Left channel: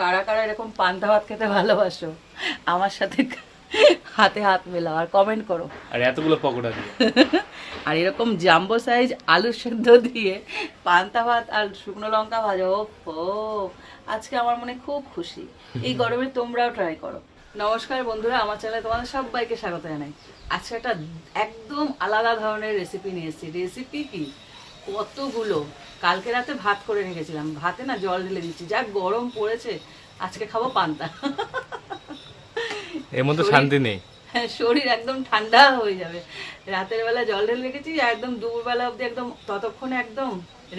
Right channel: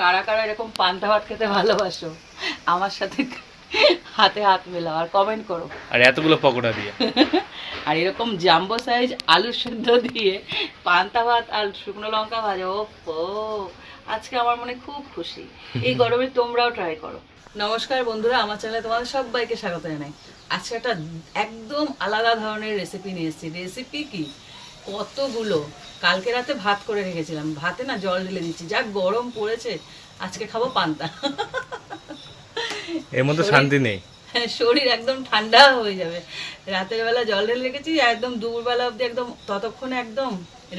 কারা কারা এরকম পান্তা ভাত খেতে ভালোবাসো আমার সাথে হাতে হাত মেলাও আর কমেন্ট করো। আর এতগুলো পকোড়া দিয়ে। আর এরকম জাম্বো সাইজ আলু সেদ্ধ দিয়ে পান্তা ভাত আর শুকনো লঙ্কা ভাজা ও আজকে আমার মনে খুব খুশি। এই গরমে তোমরাও ট্রাই করো। নমস্কার বন্ধুরা আমার চ্যানেলে তোমাদের সবাইকে স্বাগত জানাই। আজকে একটা একদম আলাদা ধরনের রেসিপি নিয়ে এসেছি। রেসিপি কি? কতগুলো? কালকে রাতে ভাত করে রেখেছিলাম। ভাতে না জল ঢেলে দিচ্ছি। যা গরম পড়েছে আজকে খাব পান্তা। এর মধ্যে শান্তি নেই। হ্যাঁ, শরীর একদম ঠান্ডা হয়ে যাবে। রাতের বেলা জল ঢেলে রেখেছি একদম দুপুরবেলা অবধি একদম ততক্ষণে একদম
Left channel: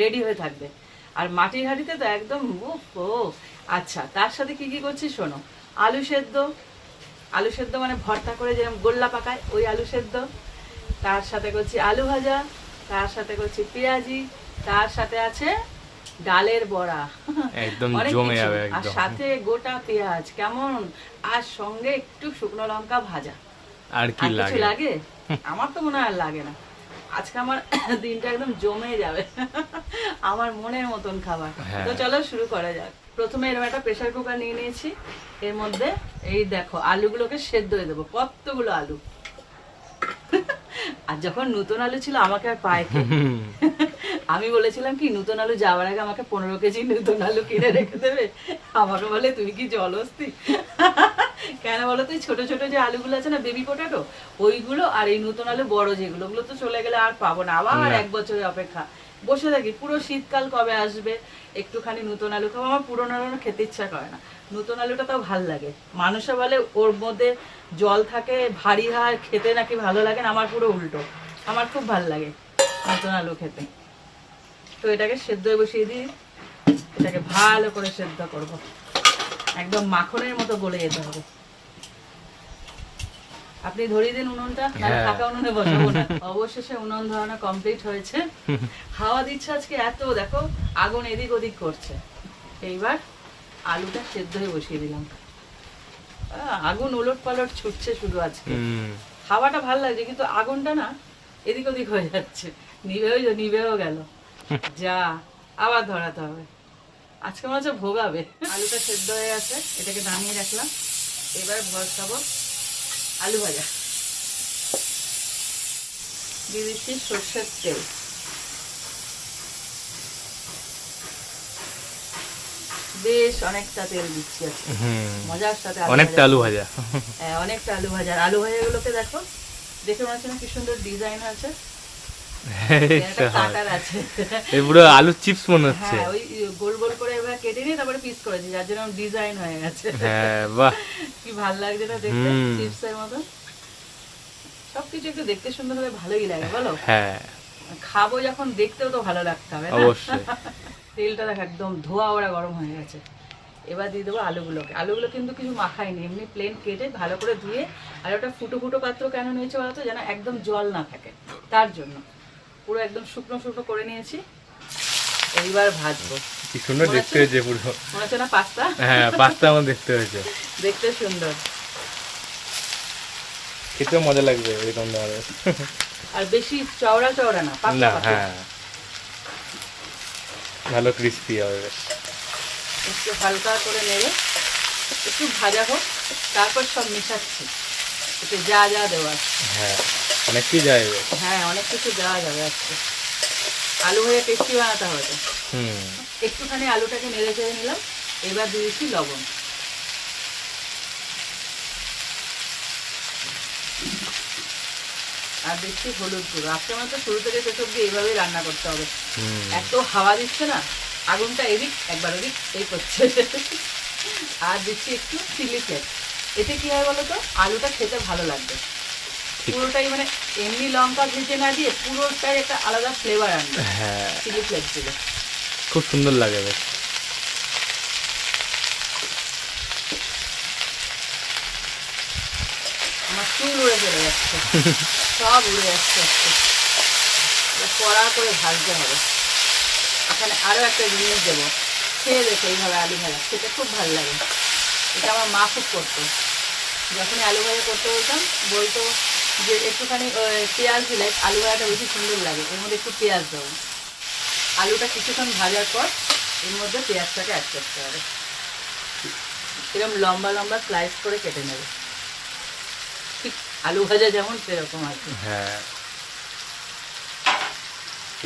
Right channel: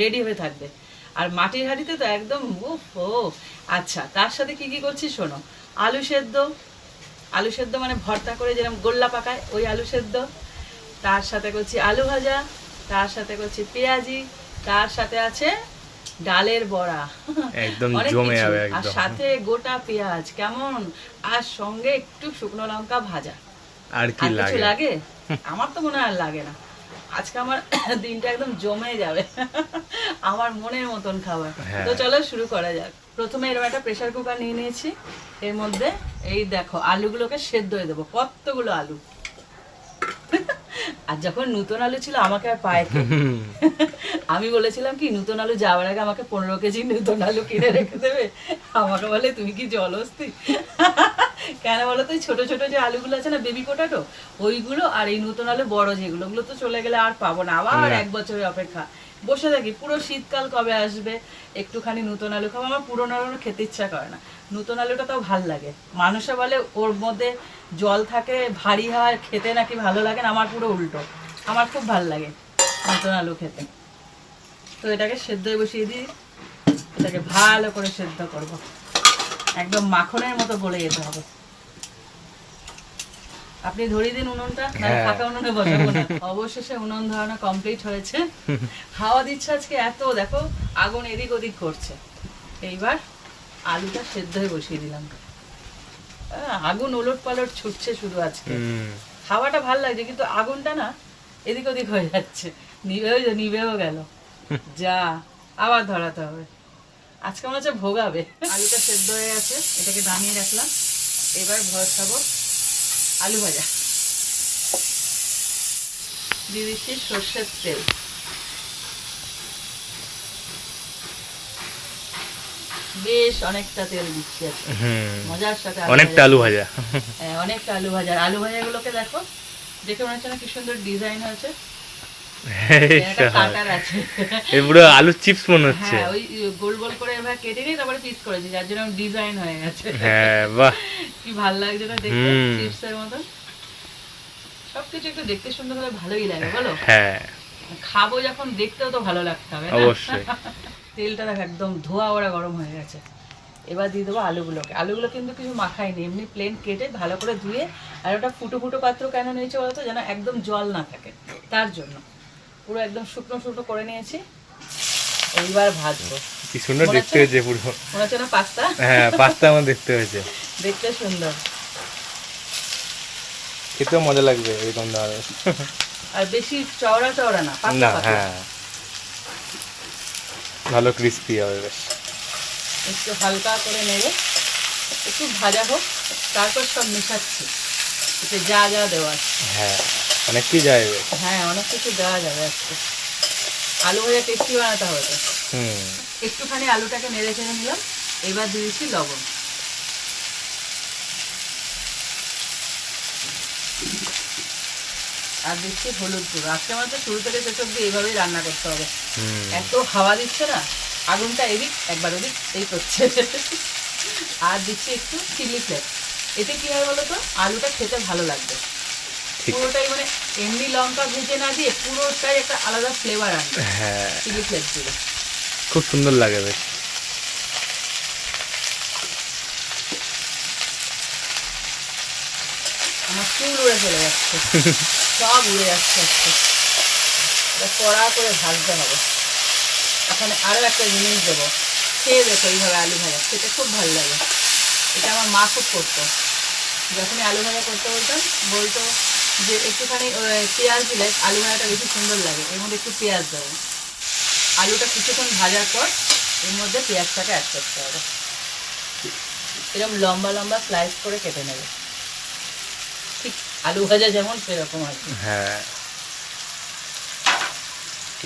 রেডি হয়ে থাকবে। আর মাটির হাঁড়িতে তো একদম উফ ও। আচ্ছা তার সাথে কি কি করছি শোনো। আলু সেদ্ধ। আলু সেদ্ধ মানে ভর্তা করে যেরকম গোল্লা পাকায় ওই আলু সেদ্ধ। তার সাথে করছি আলু ভাজা। তার সাথে করছি পেঁয়াজি তার সাথে আছে ডালের বড়া। একদম জমে। যাবে আর সাথে গোটা পেঁয়াজ কেমন? আর সঙ্গে একটু শুকনো লঙ্কা ভাজা। আর কি লাগে? লাগে? আমার তো মনে হয় আর লাগে না। আজকে আমার দিনটা একদম জমে যাবে। আমার মনের মতন খাবার। হ্যাঁ। তো চলো শুরু করা যাক। প্রথমে এরকম একটা প্রেসার কুকার নিয়ে নিয়েছি। এর মধ্যে এই দেখো আলুগুলোকে সেদ্ধ হয়ে দেবো। কতগুলো আলু? আর যখন নতুন আলু ছিল আমাকে আর পায় আমি বলেছিলাম কি নতুন আলু যাওয়ার আগে আমাকে পনেরো কেজি নতুন আলু কিনে রেখে দেবে। আমাকে বলে তুমি কি জলস্তি কেন বলো তো ছোট ছোট যে আলুগুলো আছে না বেবি পোটাটো ওইগুলো আর এই নতুন আলু বড় যেগুলো ওগুলো তো চলে গেলে আর পাবো না। আবার। এক বছরের অপেক্ষা। বসে থাকি পুরো শীতকাল কবে আসবে? একটুখানি নতুন আলু খাব আমার পুরোনো আলু খেতে ইচ্ছা করে না। নতুন আলুটা তাও ভালো লাগে। মানুষে বলে ওর মধ্যে জল থাকে ভারী হয় খেতে নাকি ভালো লাগে না? আমার পুরো উল্টো। আমার খুব ভালো লাগে নতুন আলু খেতে। তো এটাকে সেদ্ধ বসিয়ে দিই। এটাকে ভালো করে সেদ্ধ করব। একদম মাখনের মতো গলে যেতে হবে। আপনি ধরিয়ে দিন উনুনটা হ্যাঁ। ফাঁকা উনুনে বসাবো না। অবশেষে উনুন ধরানো কমপ্লিট হয়েছে। হাওয়া দিচ্ছে আজকে এত দেখো আগুন এদিক ওদিক করছে। এইবার আলুটা সেদ্ধ হয়ে বসিয়ে দিলাম। আহ, আগুন ওলট পালট ছুটছে শুধু আজকে। হাওয়াটা ভালো লাগছে কিন্তু আগুনটা না এদিক ওদিক হয়ে যাচ্ছে। নিভেও যা- নিভেও গেল। যা আবার ধরাতে হবে। আজকে মনে হচ্ছে ভোগাবে। আলুটা সেদ্ধ হয়ে গেছে এটাকে নামিয়ে রাখলাম। এবার ভরসাবো আলু ভাজা। দিয়ে দিচ্ছি সর্ষের তেল। বেশ অনেকটা তেল দিচ্ছি মজার সাথে অনেকটা আলু ভাজা। হ্যাঁ অনেকটা আলু ভাজা। আলু ভাজাগুলোকে দেখো দেখে মনে হচ্ছে না কি সুন্দর ডিজাইন হয়েছে। আছে। পুরো আলুর চিপস মনে হচ্ছে। হ্যাঁ ওই গোল গোল করে এভাবে কেটে নিয়ে তারপরে পিস করেছে যার জন্য ডিজাইন হয়ে গেছে। হ্যাঁ বাহ। কি ভালো লাগছে না দেখতে চিপসের মতো। সবকিছু একটু দেখতে সুন্দর হলে ভালোই লাগে বলো? হ্যাঁ। খাব যখন দেখতেও তো ভালো লাগতে হবে? অবশ্যই। তেলটা দেখো একদম ধোয়া ওরা গরম হয়ে গেছে। এবার দিয়ে দেবো আলুগুলোকে। আলুগুলো কিন্তু কিছু মাখাইনি এমনি প্লেন কেটে ভালো করে ধুয়ে আর ওটা ফুটো ফুটো পাত্র কেন নিয়েছে বলতো যেন একদম জল না থাকে। তার জন্য। পুরো একদম শুকনো শুকনো করে নিয়েছি। এইবার ভাজবো। কি সুন্দর দেখতে হয়েছে পুরো। মনে হচ্ছে না পাস্তা? হ্যাঁ পাস্তা আমার দেখতে হয়েছে। দেখতে সুন্দর। খেতেও মজা লাগবে এরকম ধরনের। আর বেশি চওড়া চওড়া না না হ্যাঁ। ভালো ক্রিস্পি হবে। বেশ। একটু হালকা করে নেবে একটু ভাজা হোক তারপর সব মেশাচ্ছি। একটু যা যা দেওয়া হ্যাঁ অনেক কিছু যাবে। হ্যাঁ অনেক কিছু দেওয়া যাবে আজকে। আলু হয়ে টেস্টি বানাতে হবে হুম। একটুখানি আলুটাকে নেড়ে চেড়ে নিলাম এবার দিয়েছি লবণ। আর দিচ্ছি হলুদ গুঁড়ো। আজকে আমার তো শুরু থেকে শেষ অব্দি এইভাবেই রান্না করতে হবে। এত হাওয়া দিচ্ছে না? আগুনটা এদিক একবার ওদিক এই করছে। আর দিচ্ছি একটু চিলি ফ্লেক্স। এতে কি হয় বলো তো আলুটা খেতে ভালো লাগবে। পুরোটাই মানে এমনি লঙ্কা ভেজে না দিয়ে পুরোটাই একটা আলাদা ফ্লেভার আনবে। হ্যাঁ। চিলি ফ্লেক্স দিলে। খুব সুন্দর লাগে বেশ। চুল উড়ে চলে যাচ্ছে। সব উড়ে যাচ্ছে আজকে কড়া করে ভাজতে হবে। এখানে আরও একটা জিনিস দেবো। খেয়ে দেখো এইভাবে আলু ভাজা। খেতে খুব ভালো লাগে। এটা আমার মা খুব করতো। যখন আলু ভাজা করতে বলতাম, বলতো যে একটুখানি পেঁয়াজ দিলে আলু ভাজাটা বেশি সুন্দর লাগে। এর মধ্যে একটু পেঁয়াজ দেবো। আলুটা কিছুক্ষণ ভাজার পর এর মধ্যে পেঁয়াজটাকে অ্যাড করতে হবে। এরকম লম্বা লম্বা স্লাইস করে কেটে নেবে। আলু ভাজা যেমন সেরকম আর হ্যাঁ।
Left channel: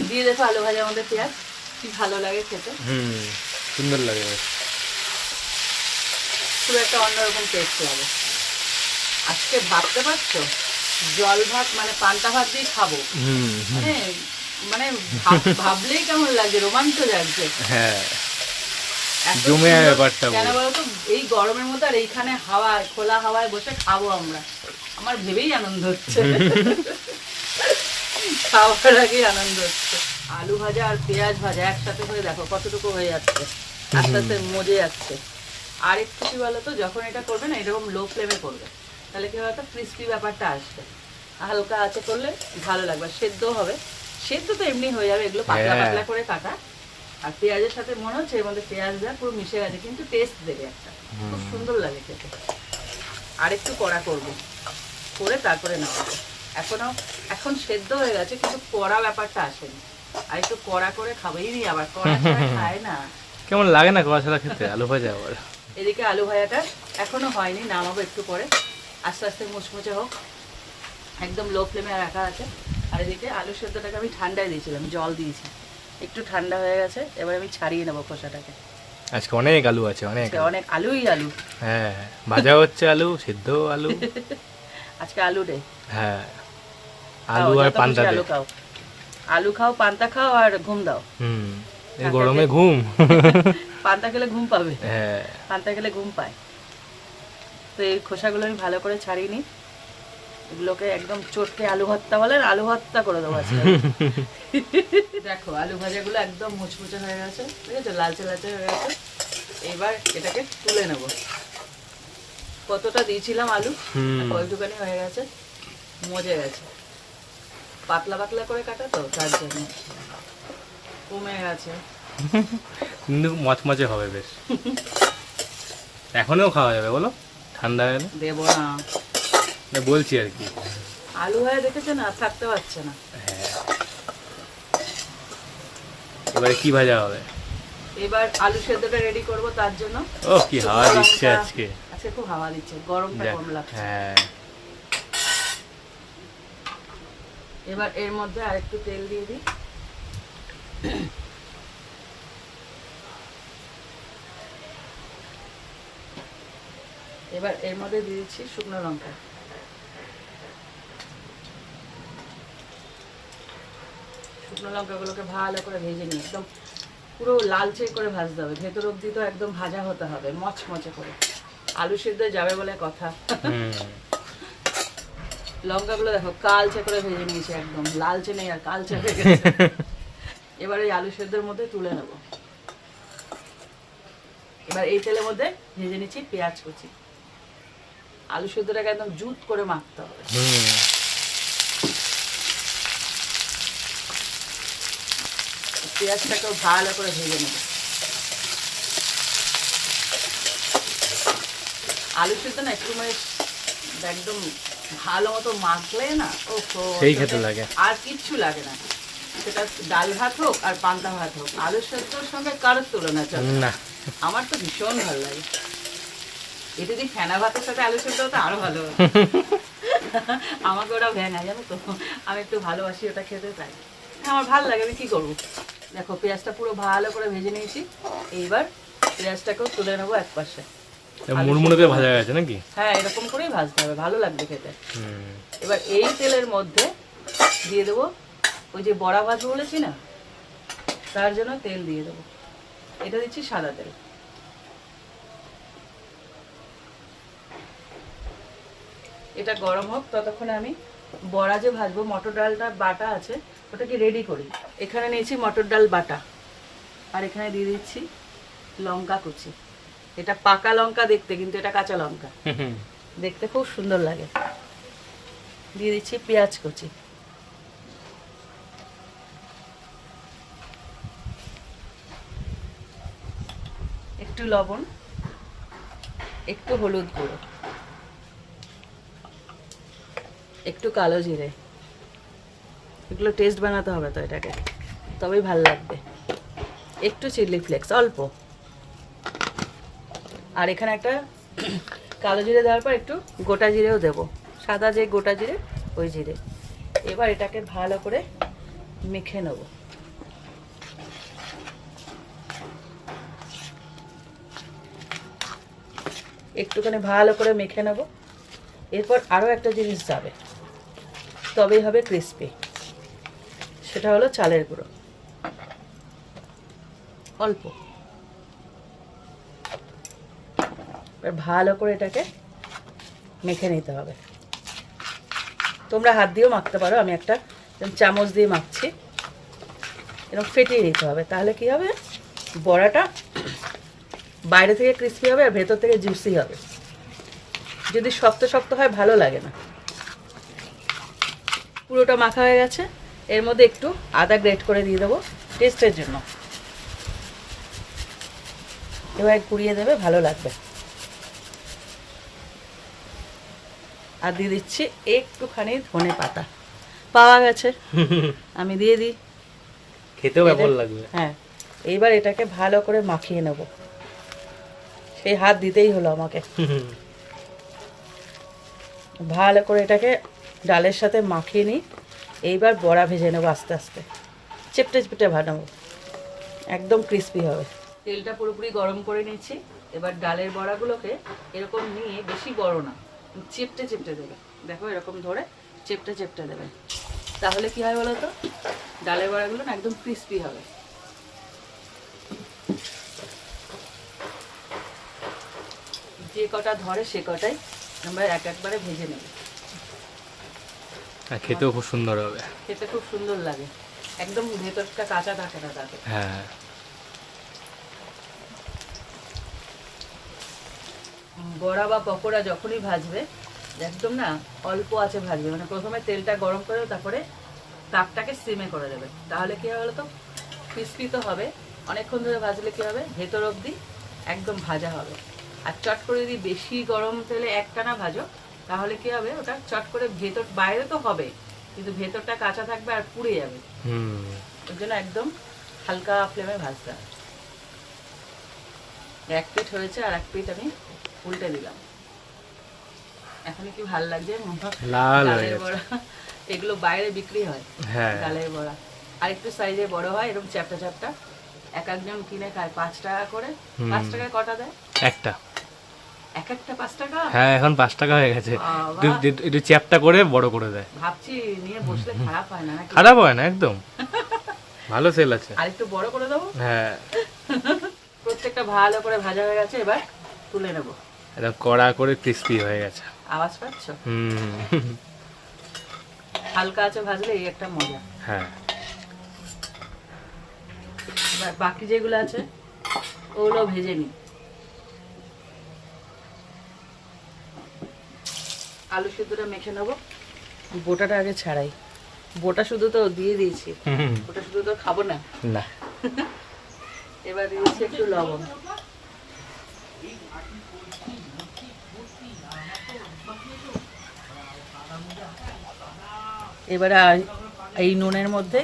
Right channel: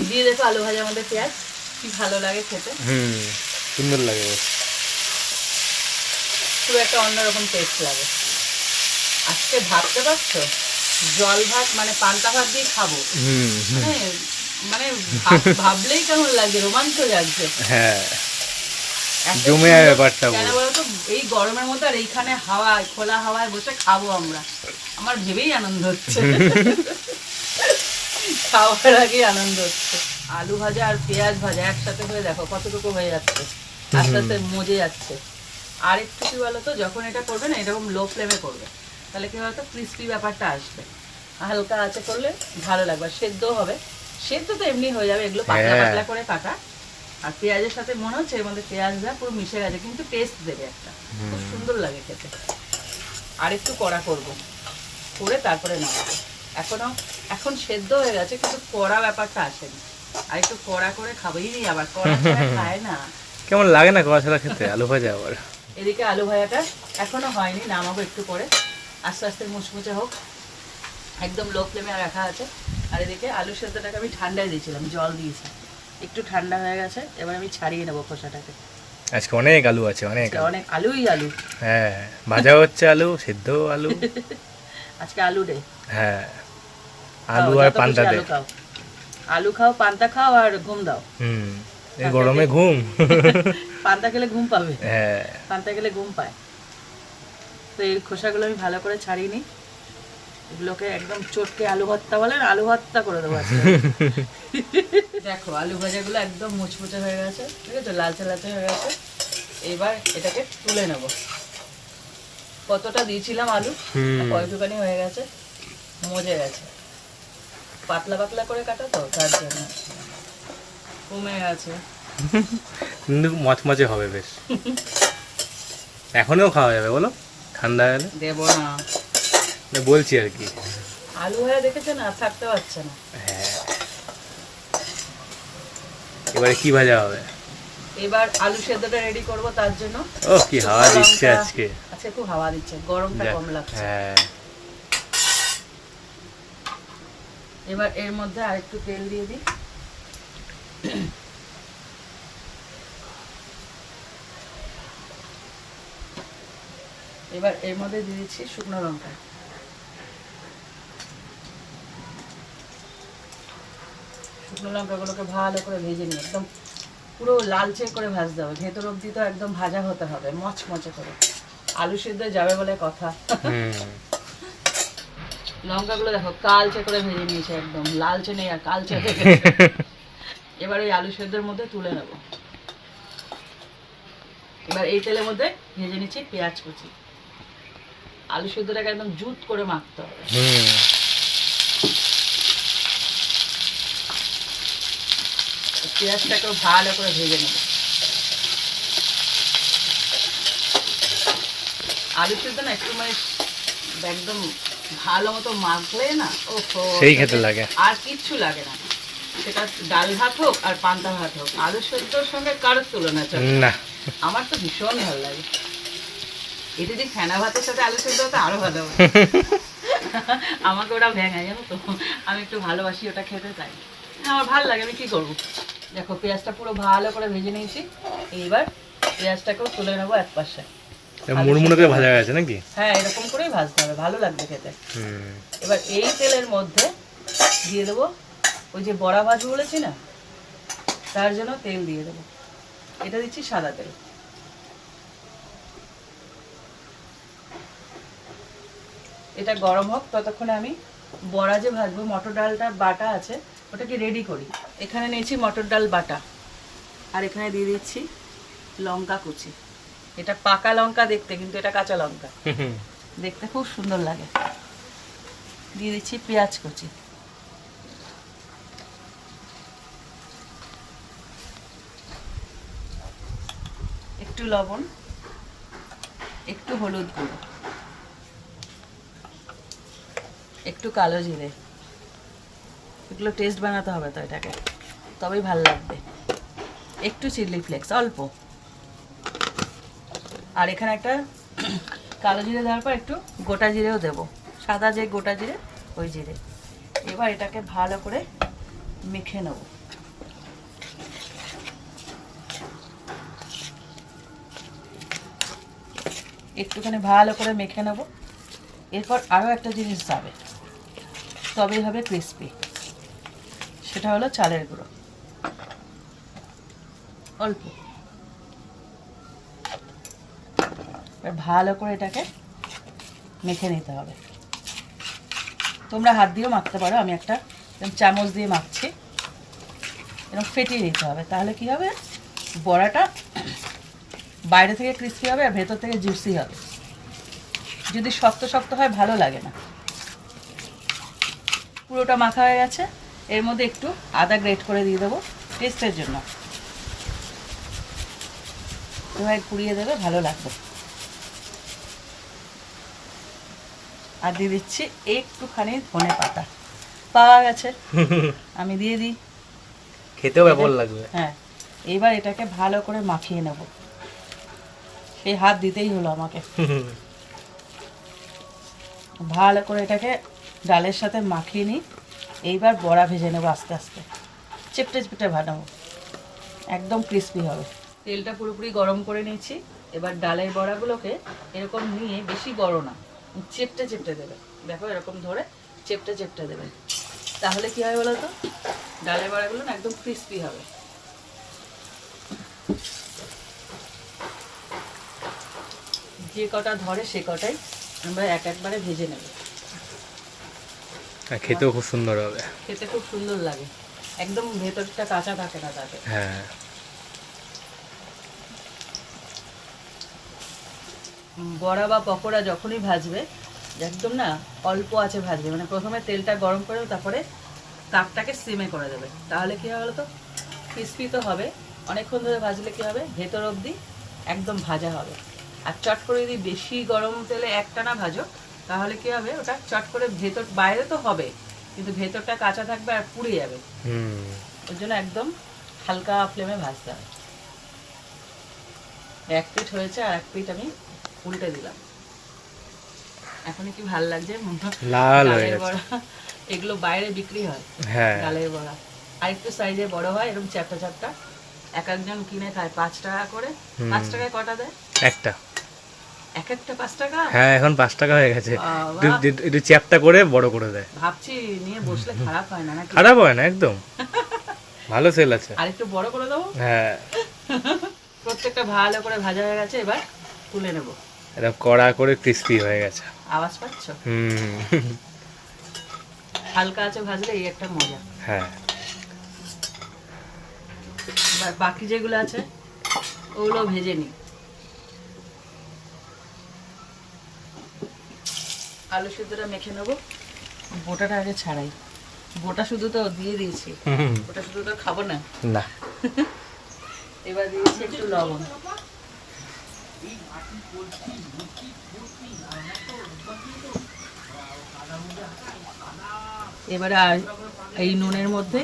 দিয়ে দেখো আলু ভাজার মধ্যে পেঁয়াজ কি ভালো লাগে খেতে। হুম সুন্দর লাগে খুব একটা অন্যরকম টেস্ট হবে। আজকে ভাবতে পারছ? জল ভাত মানে পান্তা ভাত দিয়ে খাব? মানে মানে ভাব- ভাবলেই কেমন লাগছে রোমাঞ্চ লাগছে। হ্যাঁ। জমে যায় ব্যাপারটা কেন। বলতো? এই গরমের মধ্যে আর এইখানে হাওয়ায় খোলা হাওয়ায় বসে খাব আমরা। আমার ভেবেই আনন্দ হচ্ছে। খাওয়ার আগেই আনন্দ হচ্ছে। আলু ভাজা আর পেঁয়াজ ভাজা একসাথে হয়ে দেখো কতটুকু হয়ে যাচ্ছে। আস্তে আস্তে মজে যাচ্ছে। আর একটু কি বলতো যখন এটা করবে না এরকম লো ফ্লেমে করবে। তাহলে কি বলতো ক্রিস্পি ব্যাপারটা আসবে। হালকা আছে করলে ভালো লাগবে। আর সেদ্ধও হবে। সেদ্ধ তো এমনি হয়ে যাবে এগুলো পাতলা হ্যাঁ। পাতলা করে কাটা আর পেঁয়াজের সাথে মনে হচ্ছে এর মধ্যে পেঁয়াজ দেওয়া পুরো মিশে গেছে কিন্তু টেস্ট দেবে একটা। খুব সুন্দর লাগে খেতে। আর একটু কড়া করব। করে তারপরে নেব এখনও এখন সেদ্ধ হয়ে গেছে কিন্তু কড়া ব্যাপারটা আসেনি। আর একটু কড়া করে খাবেই আবার। কড়া খায় না। কেমন লাগে না কড়া ছাড়া খেতে? আলু ভাজা আবার। এদিকে আলু ভাজাটা এখনও হয়নি নামাবো একটু পরে। আস্তে আস্তে মুচমুচে হোক। একদম লো ফ্লেমে রাখা আছে। আর এদিকে আলু সেদ্ধটাকে আমি ঠান্ডায় দিয়েছিলাম জল দিয়েছি। একটু ঠান্ডা হয়ে গেছে এবার আমি ছাড়িয়ে নেব খোসাটাকে। আজকে অনেক আলু আছে অনেক অনেক আলুই আলু। হ্যাঁ ভাজা হচ্ছে আলু সিদ্ধ আলু। আজকে আলু রে হ্যাঁ আলু আর পান্তা দে। আলু খাও। আলু খাও পান্তা খাও আর ঘুম দাও। হুম এই গরমে ঘুম। পান্তা খেলে ঘুম পাবে। হ্যাঁ। পান্তা খেলে ঘুম পায়। তো এই খোসাগুলো আমি ভালো করে ছাড়িয়ে নিই। এগুলোকে একদম চটকে আলু ভর্তা বলেন আলু ভর্তা করে দেবো। দেখো আলু ভাজাগুলো একদম মুচমুচে হয়ে গেছে ঠিক আছে? লালচে লালচে হয়ে গেছে। এবার এটাকে তুলে নেব। কতটা দিয়েছিলাম আলু? কয়টুকানি হয়ে গেছে মজে গেছে। পাতলা পাতলা করে কাটা তো তার জন্য। কমে গেছে। মচমচে হবে বেশ। এখনও খাওয়া যাবে বলো? ঠান্ডা হলে দেবো না, বলছি আর কি। আলু হয়ে দেখেছে না থাকতে পারছে না। হ্যাঁ। এবারে কি ভাজা হবে? এবার আলু সেদ্ধটা রেডি করব তার জন্য। ও কি হাওয়া দিচ্ছে আজকে। আজকে খুব হাওয়া দিচ্ছে গরমটা কম লাগছে। হ্যাঁ। এবার এর মধ্যে আরেকটু তেল দিয়ে দিই। এবার এর মধ্যে দিয়ে দিচ্ছি শুকনো লঙ্কা। শুকনো লঙ্কাগুলোকে ভালো করে ভেজে নিই একদম পুরো লালচে করে ভাজতে হবে। ভেতর অবধি তো একদম ভাজা হতে হবে মচমচে করে। আলু সিদ্ধ যাবে বলে কথা। লঙ্কাগুলো দেখো কালচে করে ভেজে নিয়েছে একদম লালচে নেই আর কালচে। এবার ওই আলু সেদ্ধের মধ্যে তুলে নেব। এবার এই তেলের মধ্যে ভেজে নিচ্ছি পেঁয়াজ কুচি। আলু সেদ্ধটাকে একদম জুত করে মাখতে হবে। পেঁয়াজটাকে ভালো করে ভেজে নেব। আলু সেদ্ধ না একটু একদম ভালো মতো মাখলে না ও সেই খেতে লাগে। আর কিচ্ছু লাগে না। সেটা ডাল ভাত হোক আর পান্তা ভাত হোক আলু সেদ্ধর সঙ্গে কারোর তুলনা চলে না। আমার তো ভীষণ ভালো লাগে। এটা যদি ফেনা ভাতের সাথে আলু সেদ্ধ হতো আরও ভালো আমাকে ওটা ভেঙায় জানো তো। আমি একটু ভালোবাসি ওটা খেতে চাই আমার ভালো লাগে আমি কি করব? দেখো পেঁয়াজটা পুরো ভালো করে ভেজে নিয়েছি। এইবার পেঁয়াজটাকেও তুলে নেব এক পাশে। মুড়মুড়ে ভাজা গেছে নাকি? হ্যাঁ এরকম করেই ভাজতে হবে ভালো লাগবে খেতে। হুম। এবার এই তেলের মধ্যে দিয়ে দেবো ওই যে বড়া ভাজবো বলেছি না তার জন্য তেল দিয়ে দেবো। এটা দিচ্ছি সাদা তেল। এটা গরম হোক ততক্ষণে আমি বড়া যে ভাজবো মটর ডালটা বাটা আছে ওটাকে রেডি করি। এখানে নিয়েছি মটর ডাল বাটা। আর এখানে দিয়ে দিচ্ছি লঙ্কা কুচি। এটা পাকা লঙ্কা দেখতে কিন্তু এটা কাঁচা লঙ্কা। হুম। দেখতে খুব সুন্দর লাগে। দিয়ে দিচ্ছি পেঁয়াজ কুচি। একটু লবণ একটু হলুদ গুঁড়ো একটু কালো জিরে। এগুলো টেস্ট বানাতে হবে তো এটাকে। তবেই ভালো লাগবে। একটু চিলি ফ্লেক্স অল্প। আর এখানে একটা কালো জিরে দেওয়ার পর একটু গোটা জিরেও দেবো। সাদা যে গোটা জিরে, ওই জিরে। এবার এটাকে ভালো করে মেখে নেব। একটুখানি ভালো করে মেখে নেব। এরপর আরও একটা জিনিস যাবে। তবেই হবে ক্রিস্পি সেটা হলো চালের গুঁড়ো। অল্প। ভালো করে এটাকে মেখে নিতে হবে। তোমরা হাত দিয়েও মাখতে পারো, আমি একটা চামচ দিয়ে মাখছি। এরকম ফেটিয়ে নিতে হবে, তাহলে কি হবে? বড়াটা বাইরে থেকে ক্রিস্পি হবে আর ভেতর থেকে জুসি হবে। যদি শক্ত শক্ত হয়, ভালো লাগে না। পুরোটা মাখা হয়ে গেছে। এর মধ্যে একটু আদা গ্রেট করে দিয়ে দেবো টেস্টের জন্য। এবার কুড়িয়ে দেবে ভালো লাগবে। আর দিয়ে দিচ্ছি একটুখানি ধনে পাতা। পাওয়া গেছে। আমি দিয়ে দিই। খেতেও ব্যাপক লাগবে? হ্যাঁ এইবার এটাকে ভালো করে মাখিয়ে নেব। সেই হাত দিতেই হলো আমাকে। ভালো করে এটাকে ডালের সাথে মাখিয়ে নিই। এইবার বড়া ভেজে নেব আস্তে আস্তে। চেপটে চেপটে ভাজাবো একদম ক্রিস্পি হবে। তেলটা পুরোপুরি গরম করে নিচ্ছি এবার ডালের বড়াগুলোকে এরকম নিয়ে বেশি বড় না, চেপটে চেপটে দেবে। দেখো এরকম ধরে চেপটে চেপটে দেবে। তাহলে কি হয় বলো তো? ডালের বড়াগুলো না একদম ক্রিস্পি হবে। যে কটা ধরে সে কটাই আমরা এক একবারে ভেজে নেব। আর খেতেও খুব সুন্দর হবে। খেতে খুব সুন্দর লাগে। একদম ভেতরটা কাঁচা থাকে না তাতে। হ্যাঁ। বড়া বা পকোড়া যখনই ভাজবে একদম না অল্প আছে ভাজবে মানে প্রথমে তেলটা গরম করে তারপরে তাপটাকে সিমে করে দেবে। তাহলে কি হবে বলতো? ক্রিস্পি তো হবে। অনেকক্ষণ ধরে ভাজলে কি হবে? ভেতর অবধি একদম ভাজা হবে। আর চট করে যদি বেশি গরম তেলে একটানা ভাজো তাহলে কি হবে? ওটা চট করে ভেতর বাইরে তো হবে কিন্তু ভেতরটা কাঁচা থাকবে আর পুড়ে যাবে। ওই জন্য একদম হালকা ফ্লেমে ভাজতে হবে। এক পিঠ হয়েছে আর এক পিঠ আমি উল্টে দিলাম। এখন কি ভালো লাগছে লাল হয়ে গেছে। এগুলো বাইরে বিক্রি হয় হ্যাঁ। ডালের বড়া। আর একটু সাইজে বড় হয় এরকম চ্যাপটা চ্যাপটা এক একজন কিনে খায় পাঁচ টাকা করে। পাঁচ টাকায় কটা দেয়? একটা। এক একটা পাঁচ টাকা? হ্যাঁ এখন পাঁচ টাকা হয়ে গেছে। একটু- চ্যাপটা করে বড় করে দেয়। ভাবছি নিয়ে বসলে খারাপ হয় না খারাপ হয় না একদম। ভালো সেল আছে। আর একটু বড় করে দেবো? হ্যাঁ। প্রত্যেকটা ভালো করে ভাজা হয়ে গেছে এবার তুলে নেব। একদম কড়া করে ক্রিস্পি হয়ে গেছে। আওয়াজ পাচ্ছ? হুম। হালকা আছে ভাজলে এই একটা মজা। হ্যাঁ। বাকি যেগুলো আছে ওগুলো ভেজে নিই। আলু সিদ্ধটা মেখে নেব। বোটাটা আগে ছাড়াই। বোটা শুধু তো দিয়ে দিয়েছি। ওটা শুধু তো খাব না। না। এবার দিয়েছি একটু লবণ। এবারে আর- এই নুনের মধ্যে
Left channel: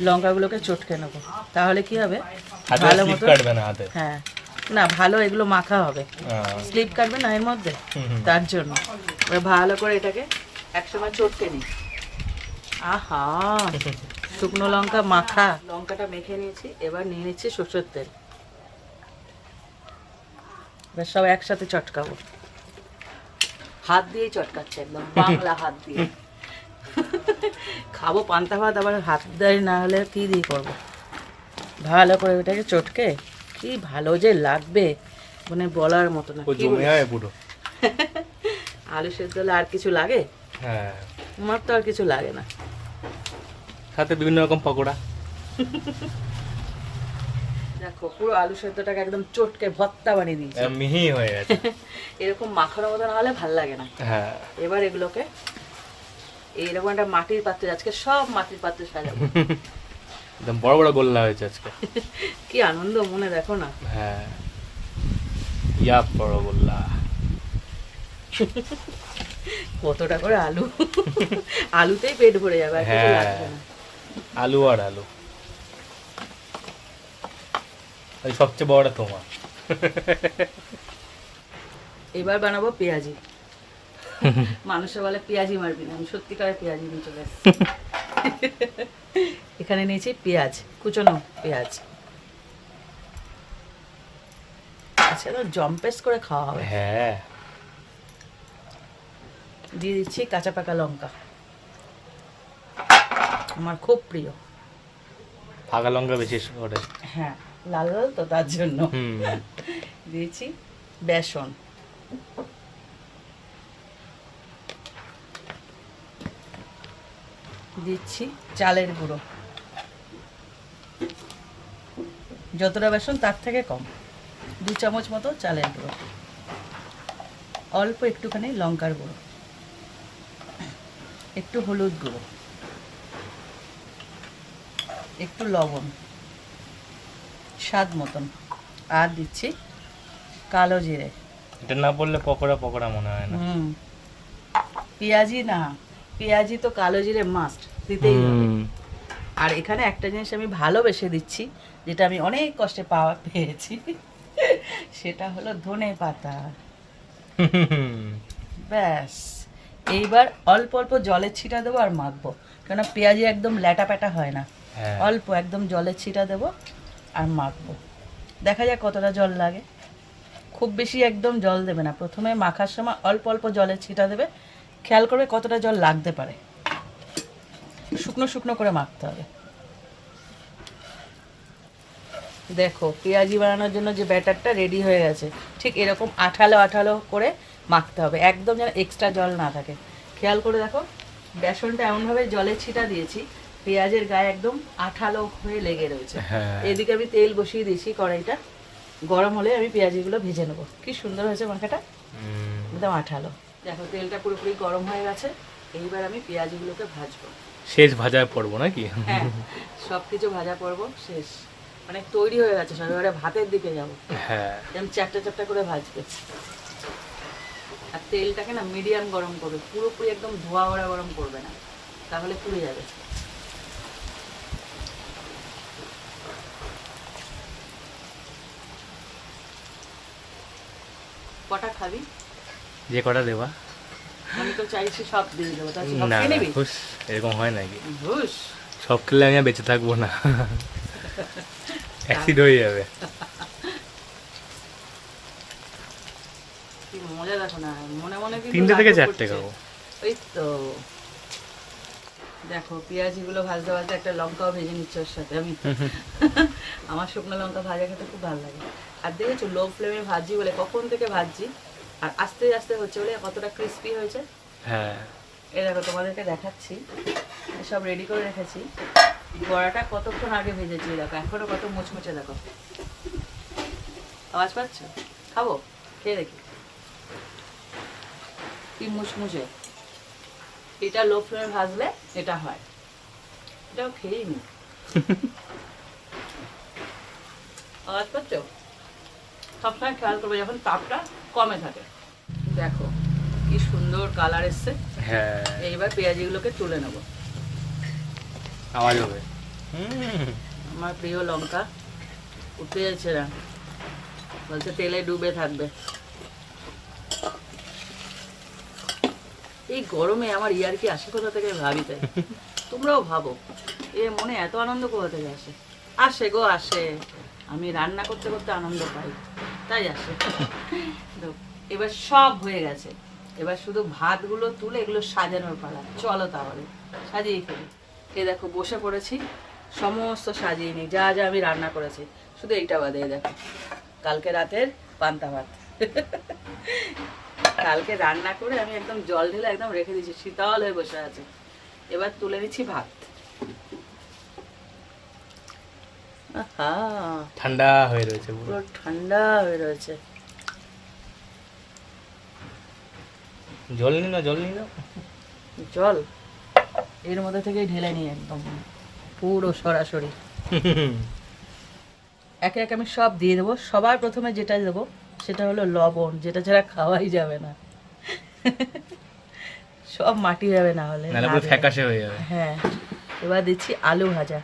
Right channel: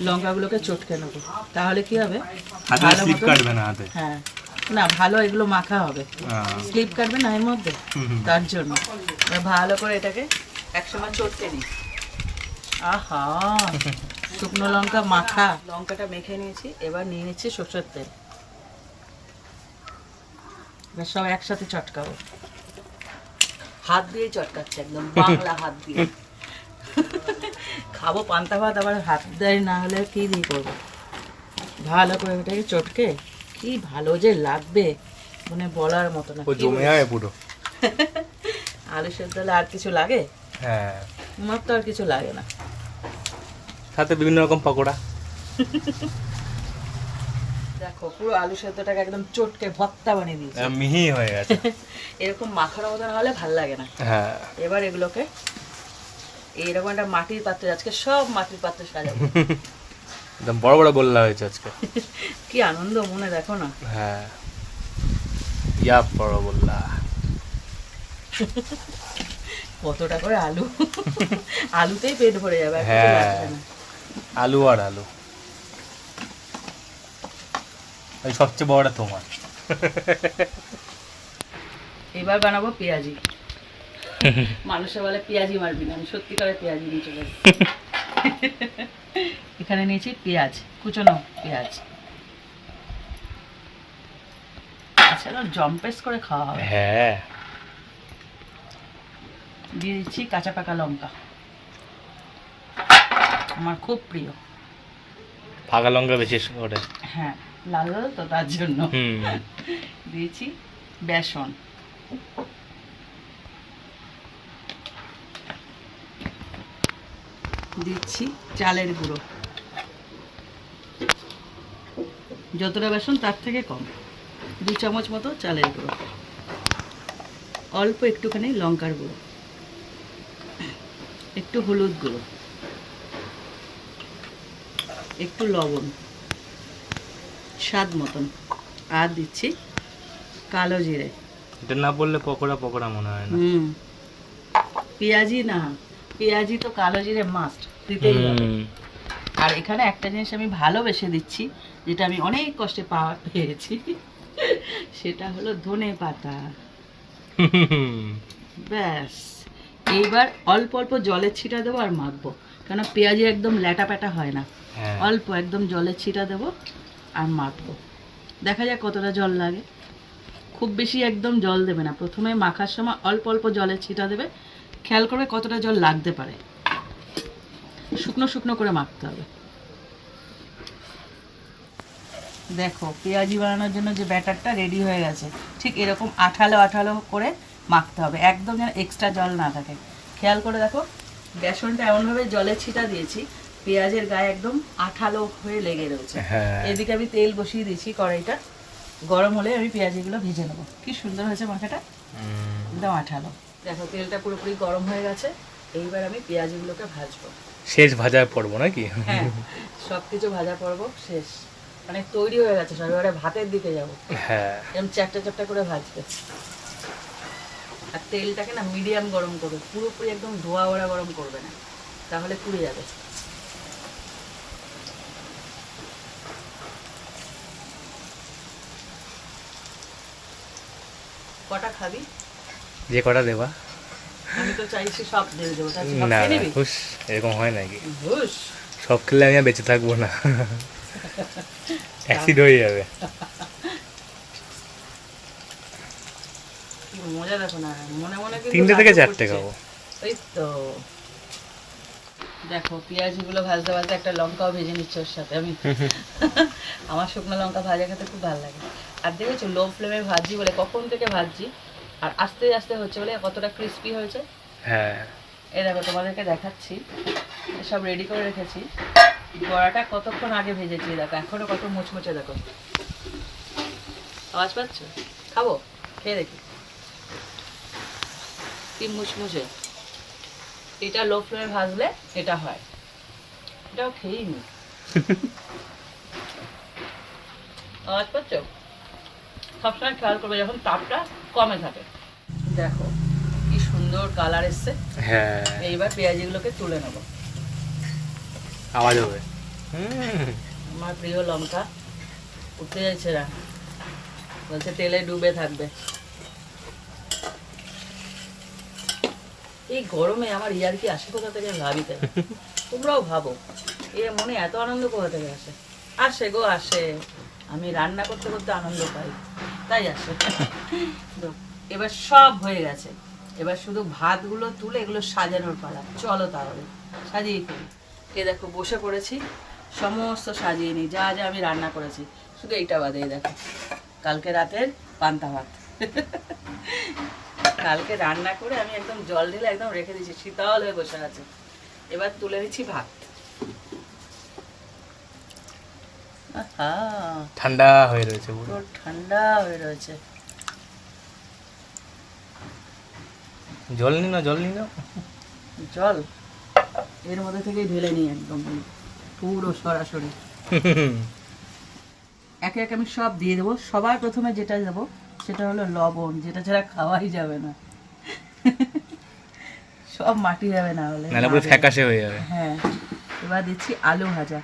লঙ্কাগুলোকে চটকে নেব। তাহলে কি হবে? হাতে স্লিপ কাটবে না হাতে। হ্যাঁ। না ভালো এগুলো মাখা হবে। স্লিপ কাটবে না এর মধ্যে। তার জন্য। ভালো করে এটাকে একসময় চটকে নিই। আহা! শুকনো লঙ্কা মাখা। লঙ্কাটা মেখে নিয়েছি এবার নিয়ে নিচ্ছি সর্ষের তেল। এবার সব একসাথে চটকাবো। হাত দিয়েই চটকাচ্ছে একদম বাংলা হাত দিয়ে। খাব পান্তা ভাত আবার হাত দেয় না হলে কি দিয়ে করব? ভালো করে ওটাকে চটকে কি ভালো যে লাগবে মানে বলার মতো না। জমে? যায় পুরো। আলু সেদ্ধ আর কিছু লাগে? হ্যাঁ। আমার তো আর কিছু লাগে না। সাথে বিভিন্ন রকম পকোড়া। দেখো পুরো আলু সেদ্ধটাকে একদম চটকে ভত্তা বানিয়ে দিয়েছি। একদম মিহি হয়ে গেছে। এরকম মাখানো মতন হলে ভালো লাগে না। হ্যাঁ। এবার এগুলোকে এইরকম একটা মাটির পাত্রে আজকে সব মাটির পাত্রে সাজাবো। একদম বড় বড় গোল্লা হয়েছে আজকে। কি আনন্দ মনে দেখো না। হ্যাঁ। ইয়া বড় গোল্লা। কতটা করে আলু? আলুতেই পেট ভরে যাবে হ্যাঁ। আলু আর আলু। ওই সবচেয়ে বড়টা তোমার। এবার বানাবো পেঁয়াজি। মানুষে বলে পেঁয়াজি মারবি না আমি সত্যিকারের পেঁয়াজি নিয়ে চলে। এখানে নিয়েছি পেঁয়াজ কুচনো পেঁয়াজ। জম্পেস করে খাওয়া হবে। হ্যাঁ। দিয়ে দিচ্ছি কাঁচা পাকা লঙ্কা। আমার খুব প্রিয়। ফাঁকা লঙ্কা বিশেষ করে। হ্যাঁ লাল লাল তো তার জন্য। দিয়েছি বেসন। দিচ্ছি চালের গুঁড়ো। যতটা বেসন তার থেকে কম। দু চামচ মতো চালের গুঁড়ো। অল্প একটুখানি লঙ্কার গুঁড়ো। একটু হলুদ গুঁড়ো। একটু লবণ। স্বাদ মতন। আর দিচ্ছি কালো জিরে। এটা না বললে পকোড়া পকোড়া মনে হয় না। হুম। পেঁয়াজি না। পেঁয়াজি তো কালো জিরে মাস্ট দিতেই হবে। আর এখানে একটা জিনিস আমি ভালোবেসে দিচ্ছি যেটা আমি অনেক কষ্টে পাওয়া পেয়েছি সেটা হলো ধনে পাতা। ব্যাস। এইবার অল্প অল্প জলের ছিটা দেবো আর মাখবো কেন পেঁয়াজি একদম ল্যাটা প্যাটা হয় না। হ্যাঁ। অল্প একদম জলের ছিটা দেবো আর মাখবো। দেখা যাক কতটা জল লাগে। খুব বেশি একদম জল দেবে না। প্রথমে মাখার সময় অল্প অল্প জলের ছিটা দেবে খেয়াল করে কতটা জল লাগতে পারে। শুকনো শুকনো করে মাখতে হবে। দেখো পেঁয়াজি বানানোর জন্য যে ব্যাটারটা রেডি হয়ে গেছে ঠিক এরকম আঠালো আঠালো করে মাখতে হবে। একদম যেন এক্সট্রা জল না থাকে। খেয়াল করে দেখো বেসনটা এমনভাবে জলে ছিটা দিয়েছি পেঁয়াজের গায়ে একদম আঠালো হয়ে লেগে রয়েছে। হ্যাঁ। এদিকে আমি তেল বসিয়ে দিয়েছি কড়াইটা। গরম হলে আমি পেঁয়াজিগুলো ভেজে নেব। কি সুন্দর হয়েছে মাখাটা। একদম আঠালো। দেখো তেলটা পুরোপুরি গরম হয়ে গেছে। এইবার আমি পেঁয়াজিগুলোকে ভাজবো। শেষ ভাজার পড়ব নাকি? হ্যাঁ সব কিছু ভাজা করব শেষ। মানে তৈরি হয়ে গেছে সব এবারে ভাতের দিকে যাব। হ্যাঁ। এরকম চারটে চারটে করে ভাজবে। আর তেলটাকে না মিডিয়াম গরম করবে পুরোপুরি একদম ধোয়া ওড়া গরম করবে না। তাহলে পুড়ে যাবে। কটা খাবি? যে কটা দেবা? আমি তো চাইছি সব দিয়ে দেবো না হুস এরকম হয় নাকি? সব খেলে আমি আর বেঁচে থাকব না। অ্যাসিড হয়ে যাবে। মনে মনে তিনটে থেকে চারটে খাব। ওই তো। দেখো পেঁয়াজগুলো ভাজতে ভাজতে একটা লঙ্কাও ভেজে নিচ্ছে ওর সাথে আমি। আমার শুকনো লঙ্কা ভাজা খেতে খুব ভালো লাগে। আর দেখেছ লো ফ্লেমে ভাজি বলে কখন থেকে ভাজছি আর আস্তে আস্তে হচ্ছে বলে কতটা ক্রিস্পি হয়েছে? হ্যাঁ। এই দেখো তোমাদেরকে দেখাচ্ছি। সব রেডি করে রেখেছি। বড়াটা কতক্ষণ আগে ভেজেছি দেখো এখনও কত মুচমুচে দেখো। আওয়াজ পাচ্ছ? খাব? খেয়ে দেখি। কি মুচমুচে। এটা লো ফ্লেমে ভাজলে এটা হয়। এটাও খেয়েই নি। আওয়াজ পাচ্ছ? সবসময় খেয়াল করবে যখন তাপটা কমে থাকে দেখো কি সুন্দর কালার এসছে। হ্যাঁ। এইবার পেঁয়াজিগুলোকে তুলে নেব। আওয়াজ হবে। হুম। আমার প্রিয় লঙ্কা উঠতে যাচ্ছে না। বলছে তেলে ডুবে থাকবে। এই গরমে আমার ইয়ার কি আসে কোথা থেকে ভাবিতে? তোমরাও ভাবো। এ মনে এত আনন্দ কোথা থেকে আসে? আসে গো আসে। আমি রান্না করতে করতে আনন্দ পাই। তাই আসে এবার সব হয়ে গেছে। এবার শুধু ভাতগুলো তুলে এগুলো সাজানোর পালা। চলো তাহলে, সাজিয়ে ফেলি। এ দেখো, বসে পড়েছি। সমস্ত সাজিয়ে নিই। যা যা আমি রান্না করেছি। শুধু এইটা বাদে দেখো। কালকে রাতের পান্তা ভাত। কালকে রান্না করে আমি একদম জল ঢেলে একদম রেখে দিয়েছি। শীতল হয়ে বসে আছে। এবার তুলে নিচ্ছি ভাত। ঠান্ডা হয়ে রয়েছে পুরো। ঠান্ডা হয়ে রয়েছে। জল নি না জল নি না চল এর মধ্যে থেকেই ঢেলে নিই একদম। পুরো সরাসরি। একে একে আমি সব দিয়ে দেবো। সবার প্রথমে যেটা দেবো সেটা হলো লবণ। যেটা ছাড়া খাওয়াই যাবে না। সব মাটি যাবে না হলে। ফ্যাকাশে হয়ে যাবে। হ্যাঁ। এবার দিচ্ছি আলু ভাজা।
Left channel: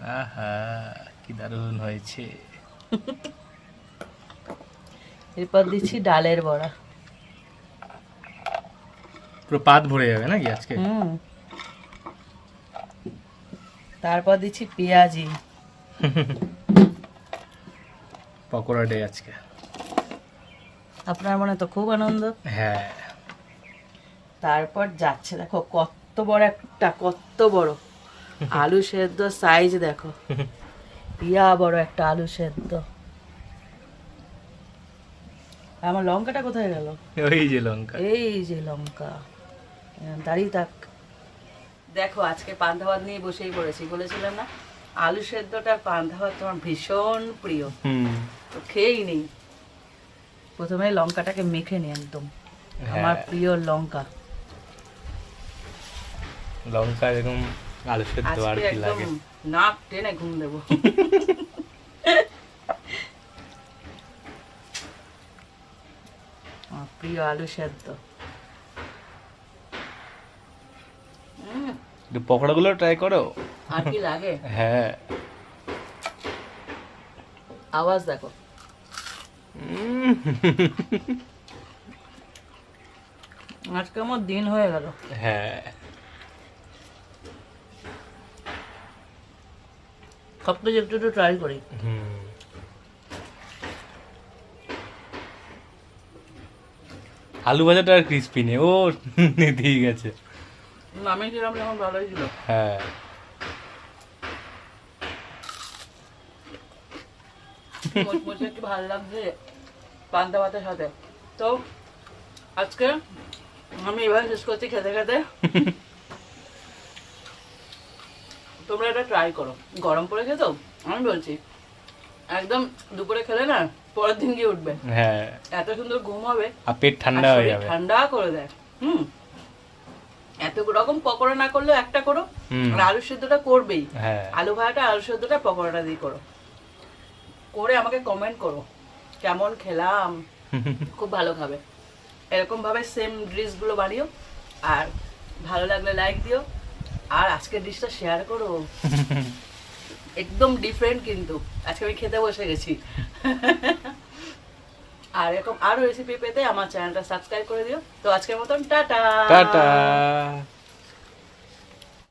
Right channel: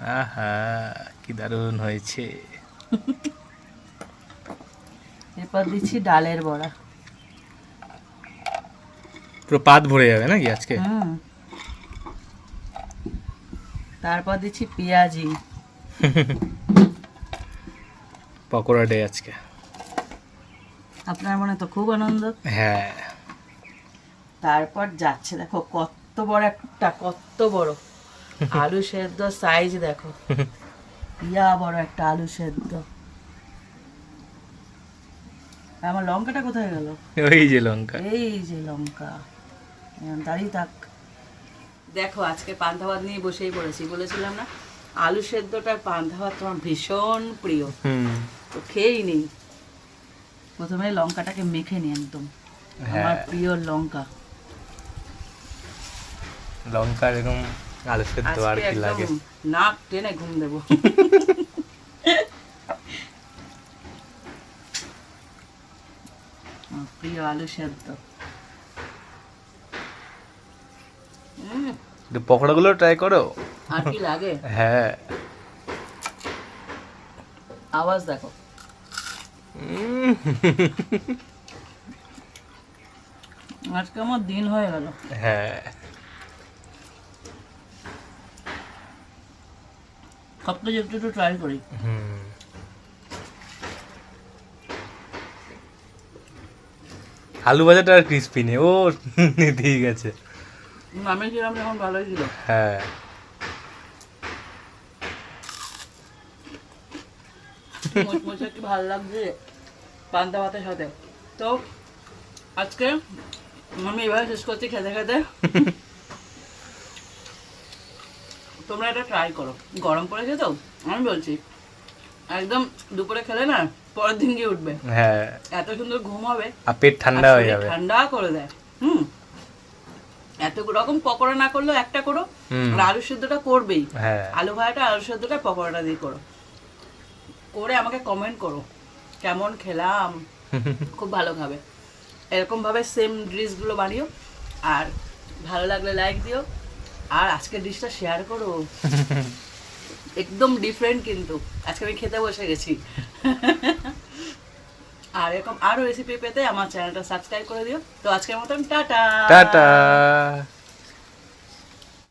আহা কি দারুণ হয়েছে। এরপর দিচ্ছি ডালের বড়া। পুরো পাত ভরে যাবে নাকি আজকে? তারপর দিচ্ছি পেঁয়াজি। পকোড়া ডে আজকে। আপনার মনে তো খুব আনন্দ। হ্যাঁ। তারপর যাচ্ছে দেখো কত বড় একটা কত বড়। আলু সেদ্ধ সাইজ দেখো। ইয়া বড় একটা আলু সেদ্ধ। আমার লঙ্কাটা কোথায় গেল? ওই যে লঙ্কা। এই যে লঙ্কা। দাঁড়িয়ে থাক। দেখো আজকে পান্তা ভাত নিয়ে বসেই পড়েছি। বলেছিলাম না আলু সেদ্ধটার পান্তা ভাত তোমার ভীষণ প্রিয়। হুম। তো খেয়েই নেই। প্রথমে লঙ্কাটাকে মেখে নিই একদম। আমার হ্যাঁ প্রিয় লঙ্কা। লঙ্কা এরকম আলু সেদ্ধ আর কি লাগে? নাক টেনে ঘুম দেবো। প্রিয় আলু সেদ্ধ। পকোড়াগুলো ট্রাই করো। আর কি লাগে? হ্যাঁ। আওয়াজ দেখো। উম, আজকে আমার দিন হয়ে গেল। হ্যাঁ। সব একটু একটু ট্রাই করি। আলু ভাজাটা আর ক্রিস্পি নেই। ও নিতেই গেছে। আমি যখন ভালোই ছিল। হ্যাঁ। একটু ভালো লাগছে পান্তা ভাতের সাথে। তো আজকে আমি এবার শেষ করছি খেতে খেতে। তোমরা এটা ট্রাই করো। গরম পড়েছে তো আমি বলছি একদম দুপুরে খেলে না পরের দিন গিয়ে উঠবে। হ্যাঁ। এত সুন্দর ঘুম হবে। আর পেট ঠান্ডা হয়ে যাবে। ঠান্ডা করে দেয়। হুম। এত রকম পকোড়া না করলেও একটা করো। আর আলু সিদ্ধটা করবেই। হ্যাঁ। আলু ভাজাটা আলু সেদ্ধটা পকোড়াটা দিয়ে করো। করে আমাকে কমেন্ট করো কেমন খেলাম? খুব ভালো খাবে। এরকম ভাবে সেম ডিশগুলো বানিও। আর ভালো লাগলে লাইক দিও। আর আজকের ডিশটা শেয়ার করো। একদম ডিফারেন্ট কিন্তু। আজকে আমি খেতে বসে গেছি। আর এরকম আরও রেসিপি পেতে আমার চ্যানেলটা সাবস্ক্রাইব করে দিও। তো আজকের মতন, টাটা। টাটা।